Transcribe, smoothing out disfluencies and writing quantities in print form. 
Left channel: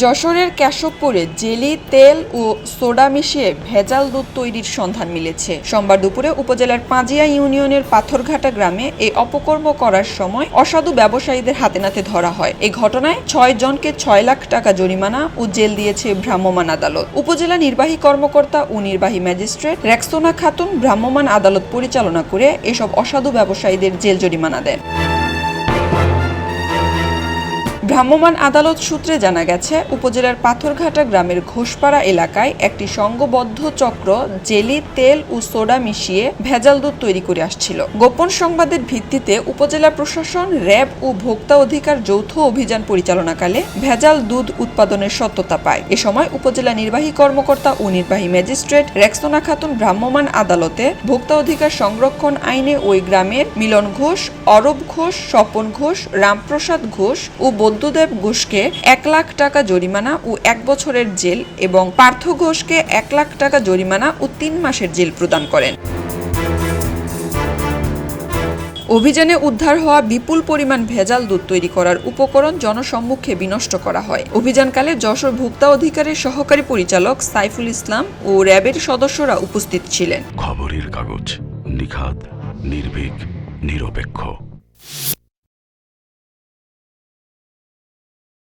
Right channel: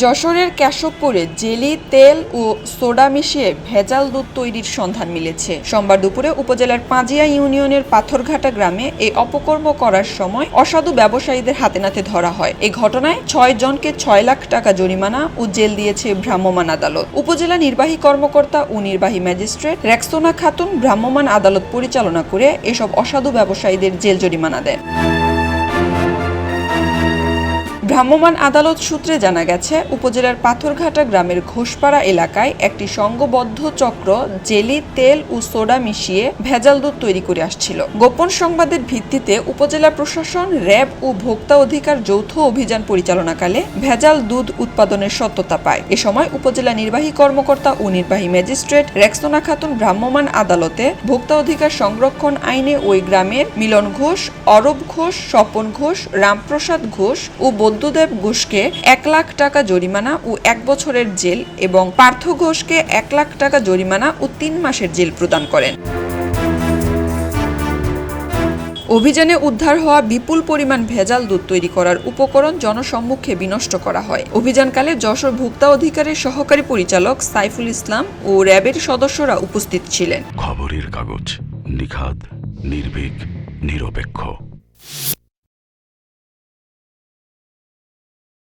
যশোরের কেশবপুরে জেলি, তেল ও সোডা মিশিয়ে ভেজাল দুধ তৈরির সন্ধান মিলেছে। সোমবার দুপুরে উপজেলার পাঁজিয়া ইউনিয়নের পাথরঘাটা গ্রামে এই অপকর্ম করার সময় অসাধু ব্যবসায়ীদের হাতে নাতে ধরা হয়। এই ঘটনায় 6 জনকে 6 লাখ টাকা জরিমানা ও জেল দিয়েছে ভ্রাম্যমাণ আদালত। উপজেলা নির্বাহী কর্মকর্তা ও নির্বাহী ম্যাজিস্ট্রেট রেক্সোনা খাতুন ভ্রাম্যমাণ আদালত পরিচালনা করে এসব অসাধু ব্যবসায়ীদের জেল জরিমানা দেন। ভ্রাম্যমাণ আদালত সূত্রে জানা গেছে, উপজেলার পাথরঘাটা গ্রামের ঘোষপাড়া এলাকায় একটি সংঘবদ্ধ চক্র জেলি, তেল ও সোডা মিশিয়ে ভেজাল দুধ তৈরি করে আসছিল। গোপন সংবাদের ভিত্তিতে উপজেলা প্রশাসন, র্যাব ও ভোক্তা অধিকার যৌথ অভিযান পরিচালনাকালে ভেজাল দুধ উৎপাদনের সত্যতা পায়। এ সময় উপজেলা নির্বাহী কর্মকর্তা ও নির্বাহী ম্যাজিস্ট্রেট রেক্সোনা খাতুন ভ্রাম্যমাণ আদালতে ভোক্তা অধিকার সংরক্ষণ আইনে ওই গ্রামের মিলন ঘোষ, অরূপ ঘোষ, স্বপন ঘোষ, রামপ্রসাদ ঘোষ ও বৌদ্ধদেব ঘোষকে 1 লাখ টাকা জরিমানা ও 1 বছরের জেল এবং পার্থ ঘোষকে 1 লাখ টাকা জরিমানা ও 3 মাসের জেল প্রদান করেন। অভিযানে উদ্ধার হওয়া বিপুল পরিমাণ ভেজাল দুধ তৈরি করার উপকরণ জনসম্মুখে বিনষ্ট করা হয়। অভিযানকালে যশোর ভোক্তা অধিকারের সহকারী পরিচালক সাইফুল ইসলাম ও র্যাবের সদস্যরা উপস্থিত ছিলেন। খবরের কাগজ, নিখাত, নির্ভীক, নিরপেক্ষ।